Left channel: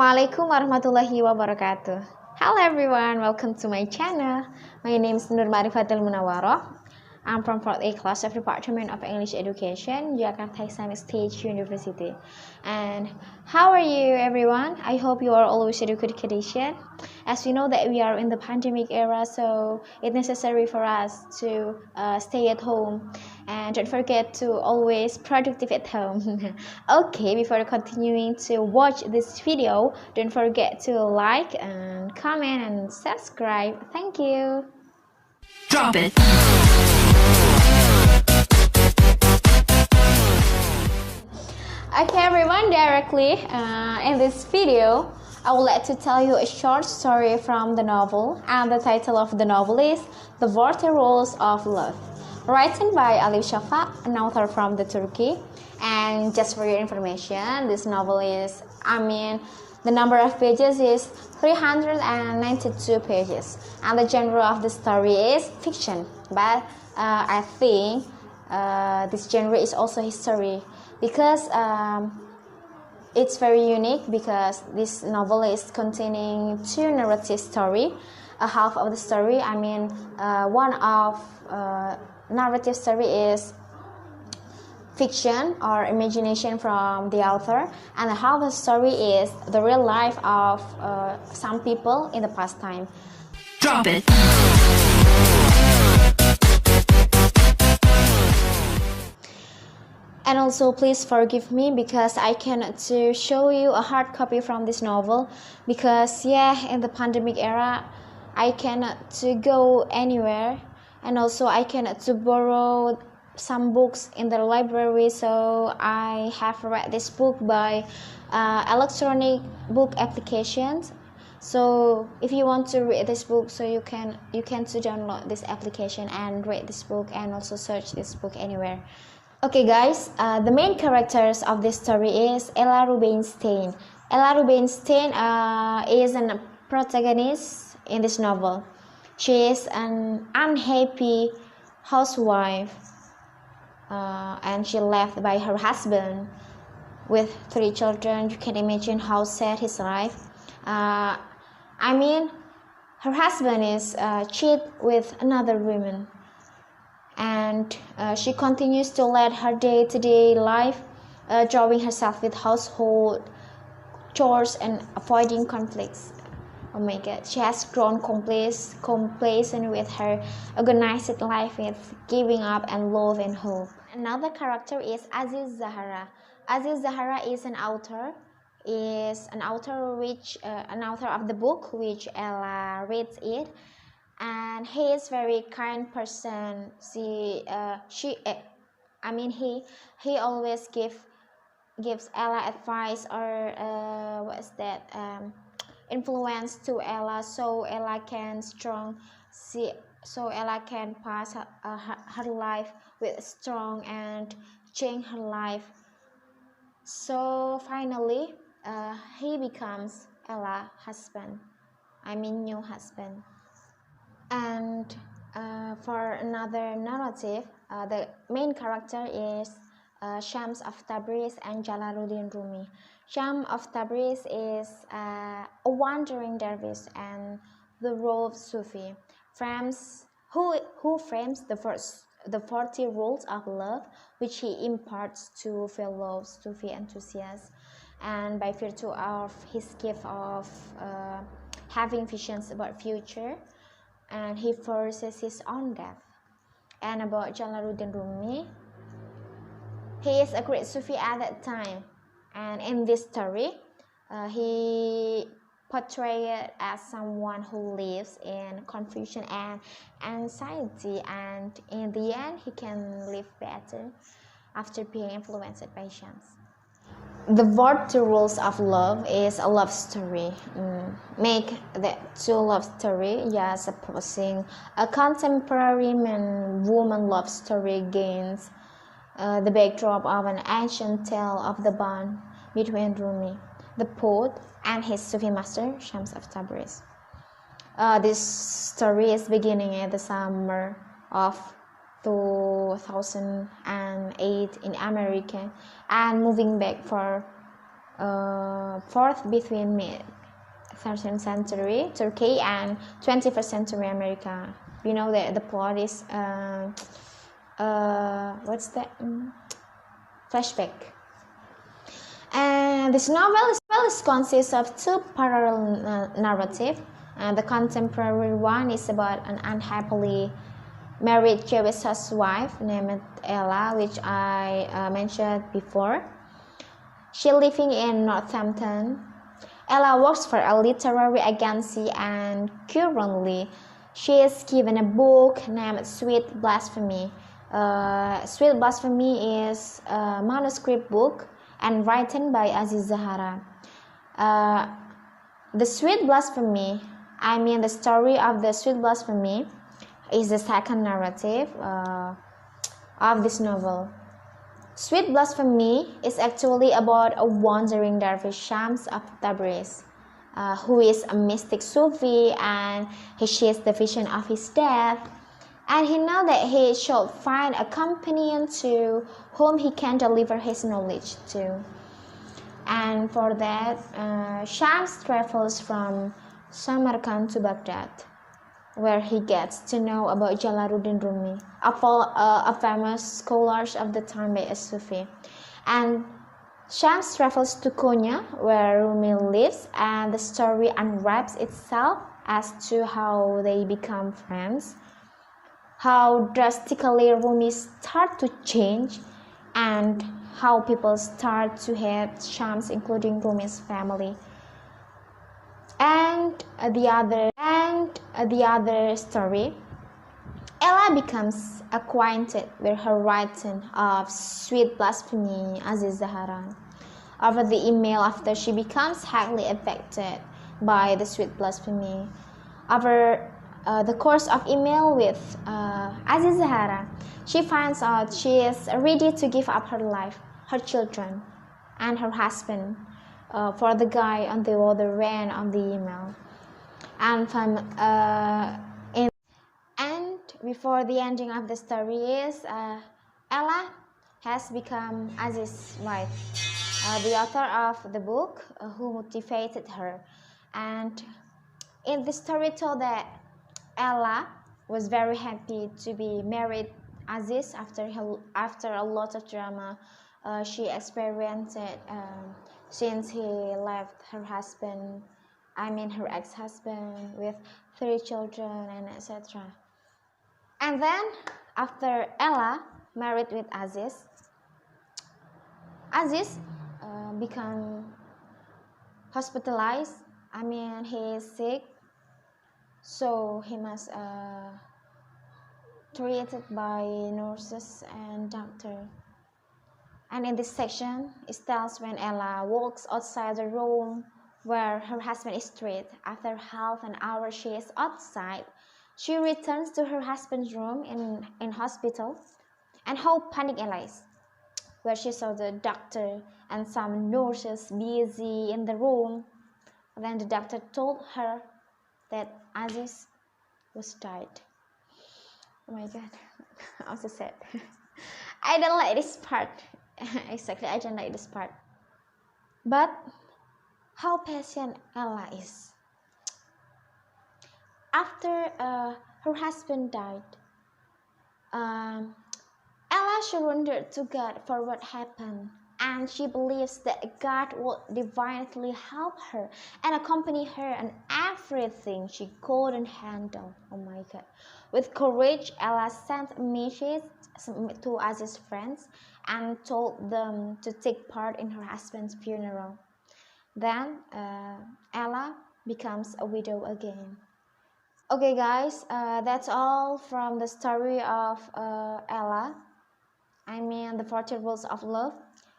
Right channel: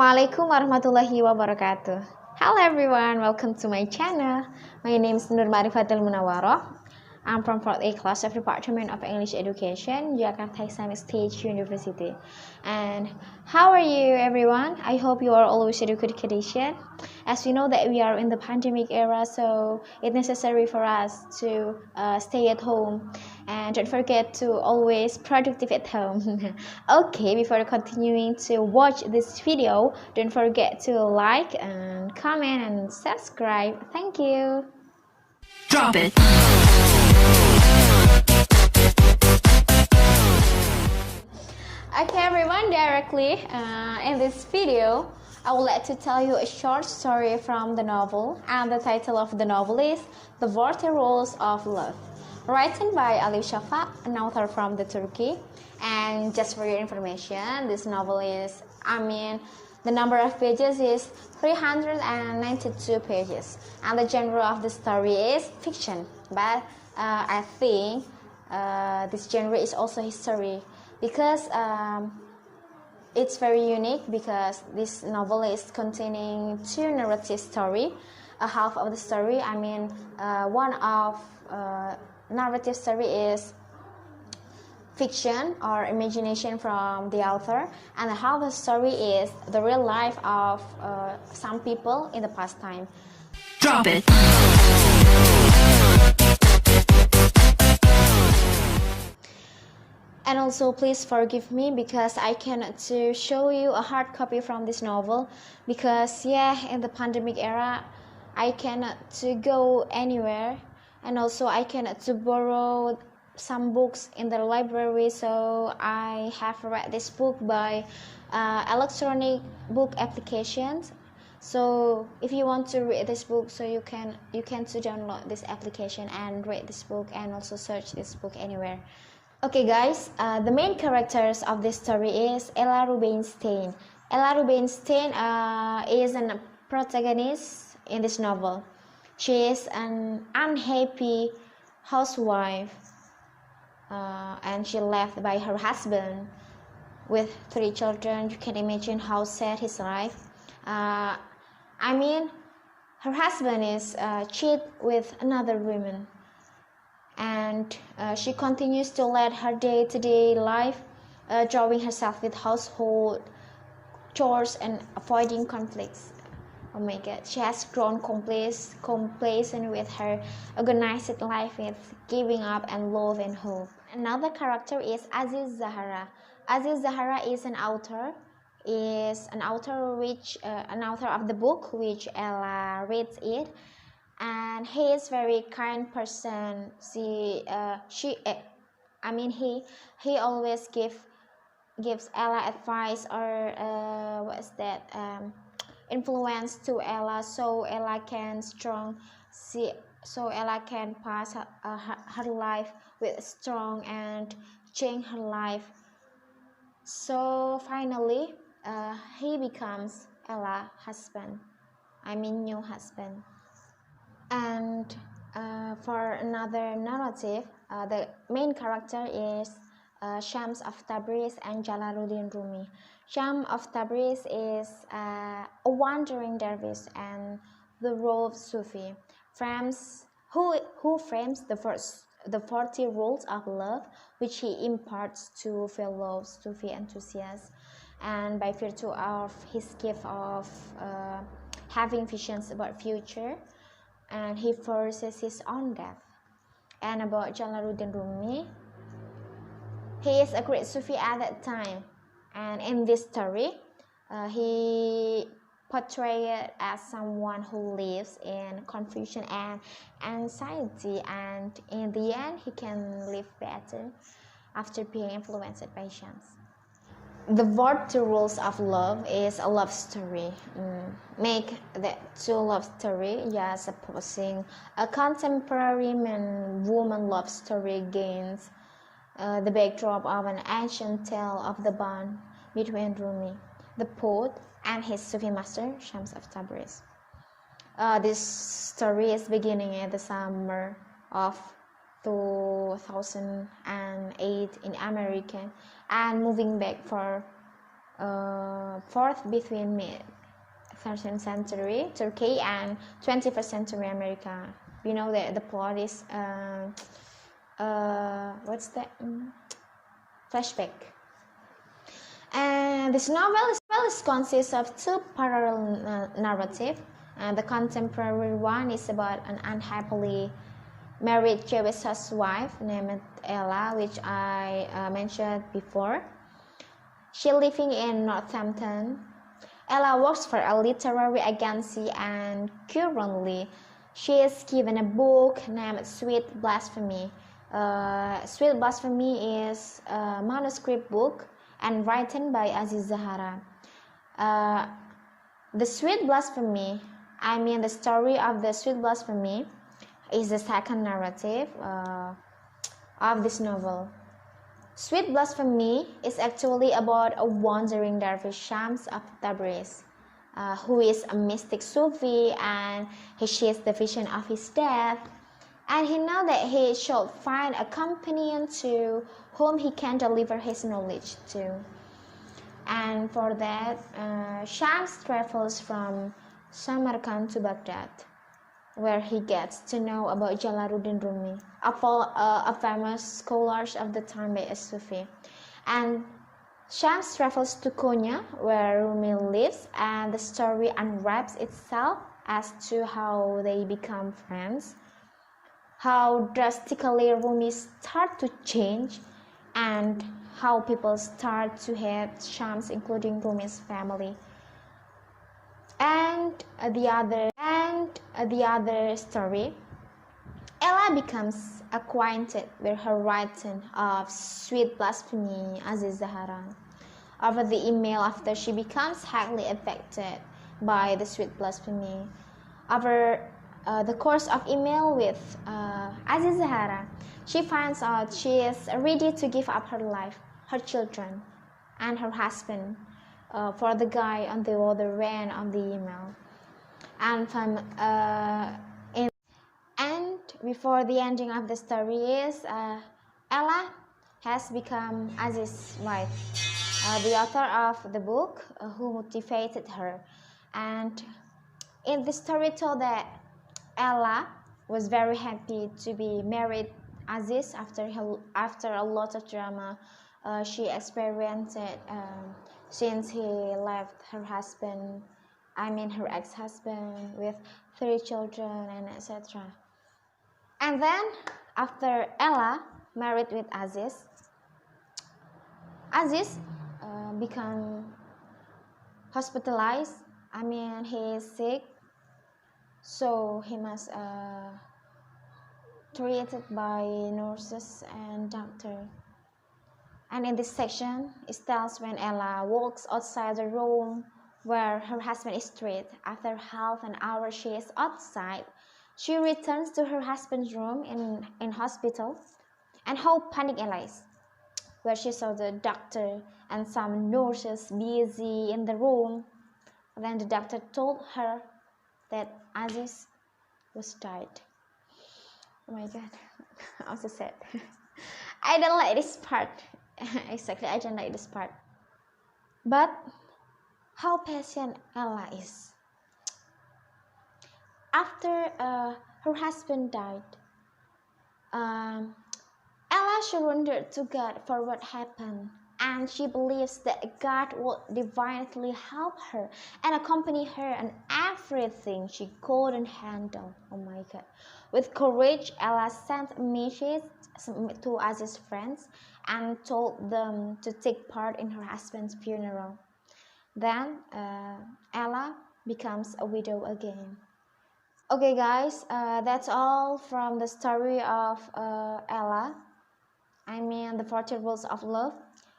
Assalamualaikum warahmatullahi wabarakatuh. Hello everyone, welcome to my channel. My name is Munawwaroh. I'm from 4th A class of Department of English Education, Jakarta Islamic State University. And how are you everyone? I hope you are always in a good condition. As we know that we are in the pandemic era, so it's necessary for us to stay at home. And don't forget to always productive at home. Okay, before continuing to watch this video, don't forget to like and comment and subscribe. Thank you. Drop it. Okay everyone, directly in this video I would like to tell you a short story from the novel, and the title of the novel is The 40 Rules of Love, written by Elif Shafak, an author from the Turkey. And just for your information, this novel is, the number of pages is 392 pages, and the genre of the story is fiction, but I think this genre is also history, because it's very unique, because this novel is containing two narrative story. A half of the story, one of narrative story is fiction or imagination from the author, and half of the story is the real life of some people in the past time. Drop it. And also please forgive me because I cannot to show you a hard copy from this novel, because in the pandemic era I cannot to go anywhere, and also I cannot to borrow some books in the library, so I have read this book by electronic book applications. So if you want to read this book, so you can to download this application and read this book, and also search this book anywhere. Okay guys, the main characters of this story is Ella Rubinstein. Ella Rubinstein is a protagonist in this novel. She is an unhappy housewife, and she left by her husband with 3 children. You can imagine how sad his life. Her husband is cheat with another woman, and she continues to lead her day-to-day life, drawing herself with household chores and avoiding conflicts. Oh my god, she has grown complacent with her organized life, with giving up and love and hope. Another character is Aziz Zahara. Aziz Zahara is an author of the book which Ella reads it, and he is very kind person. He always gives Ella advice, or influence to Ella, so Ella can pass her life with strong and change her life. So finally he becomes Ella's husband, new husband. And for another narrative, the main character is Shams of Tabriz and Jalaluddin Rumi. Shams of Tabriz is a wandering dervish and the role of Sufi, who frames the 40 rules of love, which he imparts to fellow Sufi enthusiasts, and by virtue of his gift of having visions about future, and he foresees his own death. And about Jalaluddin Rumi, he is a great Sufi at that time, and in this story he portrayed as someone who lives in confusion and anxiety, and in the end he can live better after being influenced by Shams. The 40 Rules of Love is a love story. Make that two love story, supposing a contemporary man-woman love story against the backdrop of an ancient tale of the bond between Rumi, the poet, and his Sufi master, Shams of Tabriz. This story is beginning in the summer of 2008 in America, and moving back for fourth between mid 13th century Turkey and 21st century America. You know that the plot is what's that? Flashback. And this novel consists of two parallel narratives. The contemporary one is about an unhappily married Jewish housewife named Ella, which I mentioned before. She living in Northampton. Ella works for a literary agency, and currently she is given a book named Sweet Blasphemy. Sweet Blasphemy is a manuscript book and written by Aziz Zahara. The Sweet Blasphemy, the story of the Sweet Blasphemy is the second narrative of this novel. Sweet Blasphemy is actually about a wandering dervish Shams of Tabriz, who is a mystic Sufi, and he shares the vision of his death, and he knows that he should find a companion to whom he can deliver his knowledge to. And for that, Shams travels from Samarkand to Baghdad, where he gets to know about Jalaluddin Rumi, a famous scholar of the time by a Sufi. And Shams travels to Konya, where Rumi lives, and the story unwraps itself as to how they become friends, how drastically Rumi start to change, and how people start to hate Shams, including Rumi's family. And the other story, Ella becomes acquainted with her writing of Sweet Blasphemy, Aziz Zahara, over the email after she becomes highly affected by the Sweet Blasphemy. Over the course of email with Aziz Zahara, she finds out she is ready to give up her life, her children, and her husband for the guy on the other end of the email. And before the ending of the story is Ella has become Aziz's wife, the author of the book who motivated her. And in the story told that Ella was very happy to be married Aziz after a lot of drama she experienced since he left her husband, her ex-husband, with 3 children and etc. And then after Ella married with Aziz become hospitalized. He is sick, so he must treated by nurses and doctor. And in this section, it tells when Ella walks outside the room where her husband is treated. After half an hour she is outside, she returns to her husband's room in hospital, and how panic Ella is, where she saw the doctor and some nurses busy in the room. Then the doctor told her that Aziz was died. Oh my god, I'm so sad. I don't like this part. Exactly, I don't like this part. But how patient Ella is. After her husband died, Ella surrendered to God for what happened, and she believes that God will divinely help her and accompany her in everything she couldn't handle. Oh my God. With courage, Ella sent a message to Aziz's friends and told them to take part in her husband's funeral. Then Ella becomes a widow again. Okay guys, that's all from the story of Ella. The 40 rules of love.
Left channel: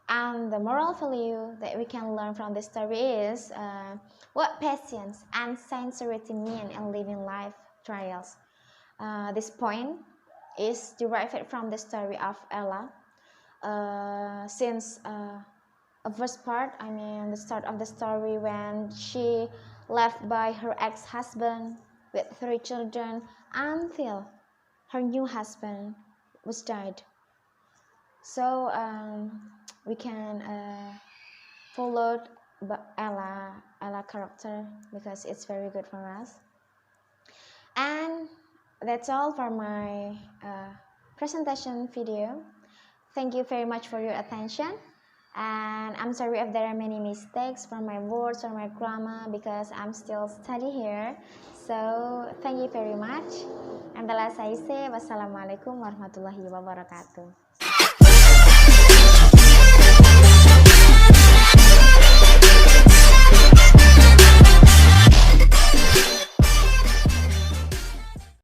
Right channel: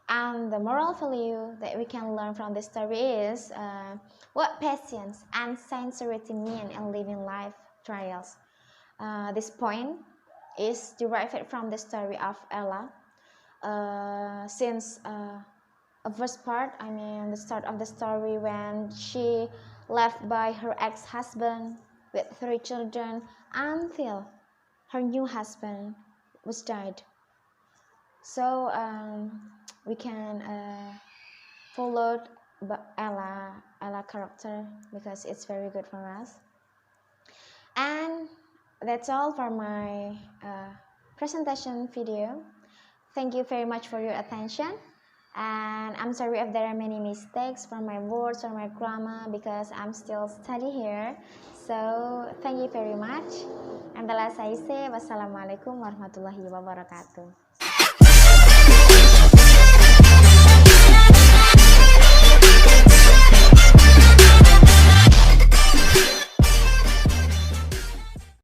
And the moral value that we can learn from this story is what patience and sincerity mean in living life trials. This point is derived from the story of Ella. Since a first part, the start of the story when she left by her ex-husband with 3 children until her new husband was died. So we can followed Ella character because it's very good for us. And that's all for my presentation video. Thank you very much for your attention, and I'm sorry if there are many mistakes from my words or my grammar because I'm still studying here. So thank you very much. And the last I say, wassalamualaikum warahmatullahi wabarakatuh.